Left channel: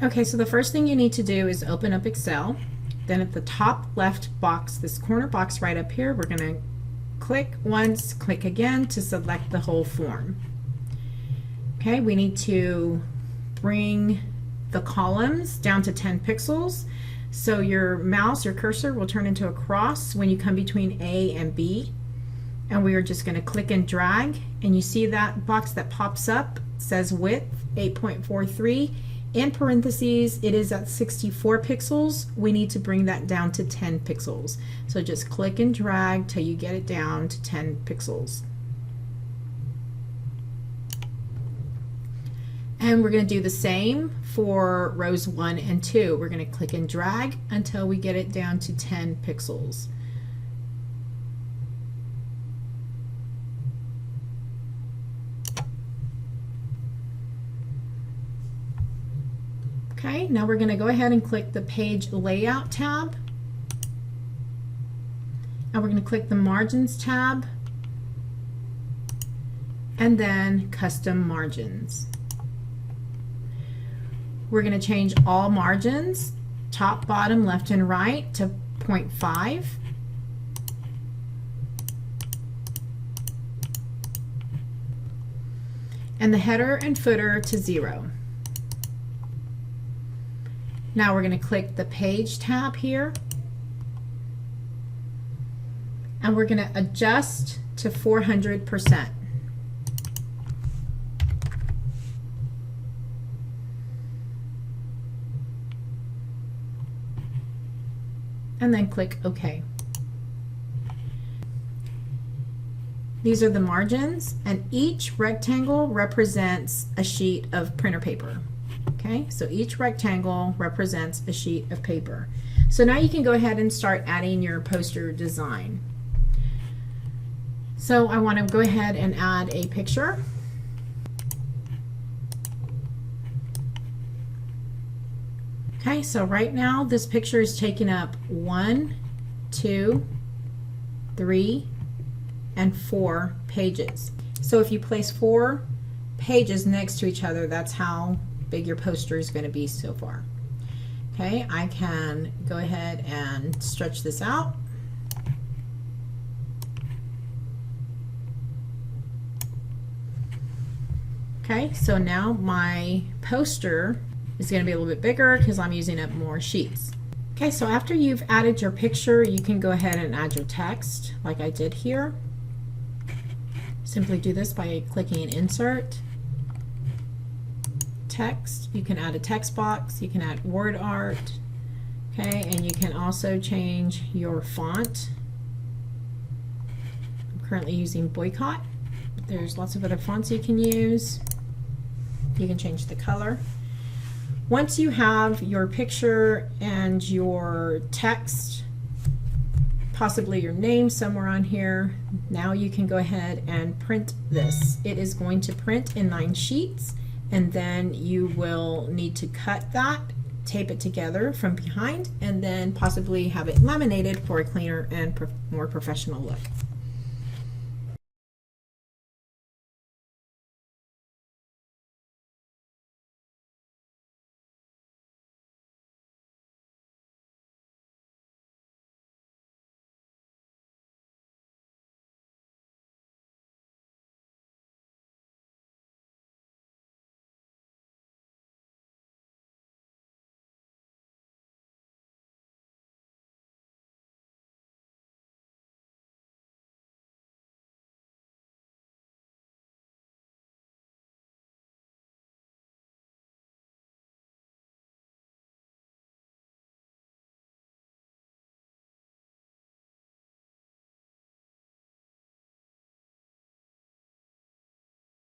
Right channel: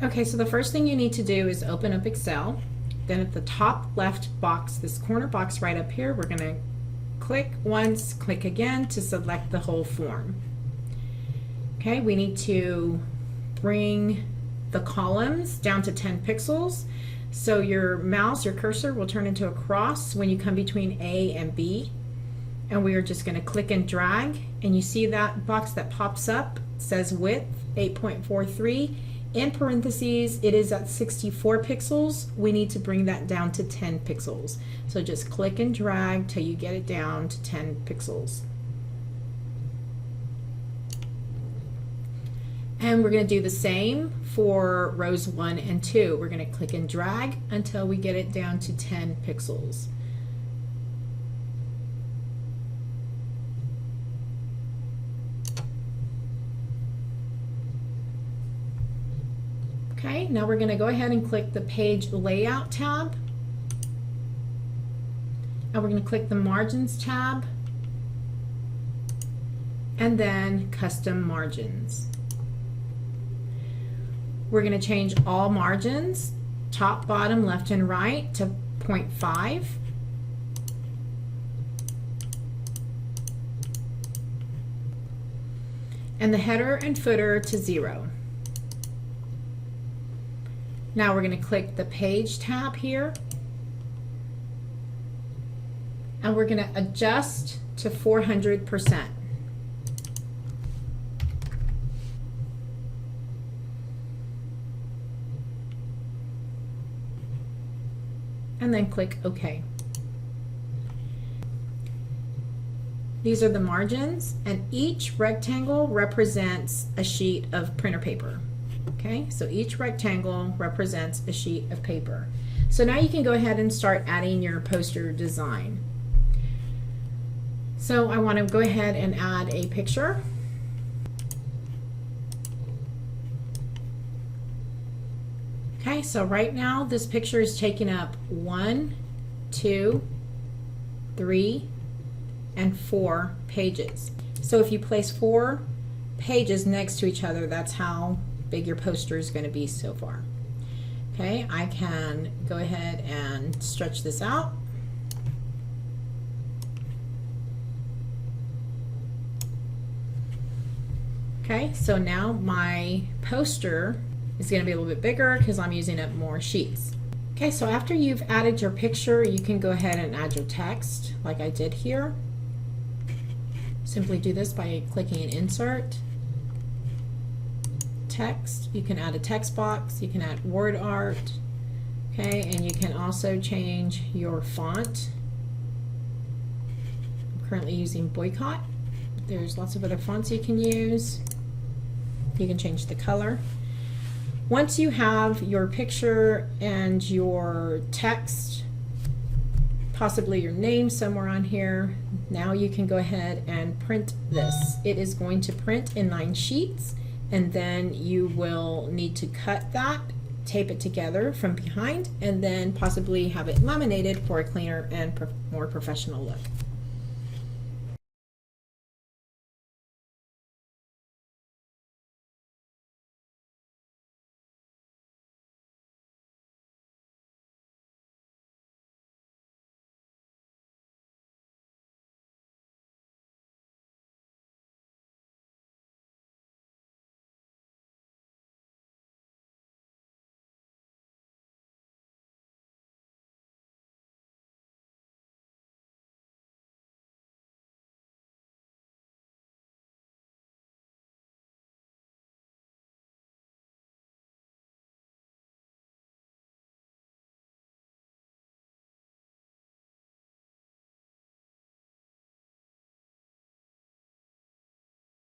Okay, so the first thing you need to do is open up Excel. Then at the top left box, this corner box right up here, we're going to click once, click again to select the whole form. Okay, we need to bring the columns down to 10 pixels. So your mouse, your cursor will turn into a cross when you come between A and B. And we are just going to click and drag. And you see that box that pops up, says width 8.43. In parentheses, it is at 64 pixels. We need to bring that down to 10 pixels. So just click and drag till you get it down to 10 pixels. And we're going to do the same for rows 1 and 2. We're going to click and drag until we get it down to 10 pixels. Okay, now we're going to go ahead and click the Page Layout tab. And we're going to click the Margins tab. And then Custom Margins. We're going to change all margins, top, bottom, left, and right to 0.5. And the header and footer to 0. Now we're going to click the Page tab here. And we're going to adjust to 400%. And then click OK. These are the margins, and each rectangle represents a sheet of printer paper. Okay, so each rectangle represents a sheet of paper. So now you can go ahead and start adding your poster design. So I want to go ahead and add a picture. Okay, so right now this picture is taking up 1, 2, 3, and 4 pages. So if you place 4 pages next to each other, that's how big your poster is going to be so far. Okay, I can go ahead and stretch this out. Okay, so now my poster is going to be a little bit bigger because I'm using up more sheets. Okay, so after you've added your picture, you can go ahead and add your text like I did here. Simply do this by clicking Insert, Text. You can add a text box, you can add word art, okay, and you can also change your font. I'm currently using Boycott. There's lots of other fonts you can use. You can change the color. Once you have your picture and your text, possibly your name somewhere on here, now you can go ahead and print this. It is going to print in 9 sheets, and then you will need to cut that, tape it together from behind, and then possibly have it laminated for a cleaner and more professional look.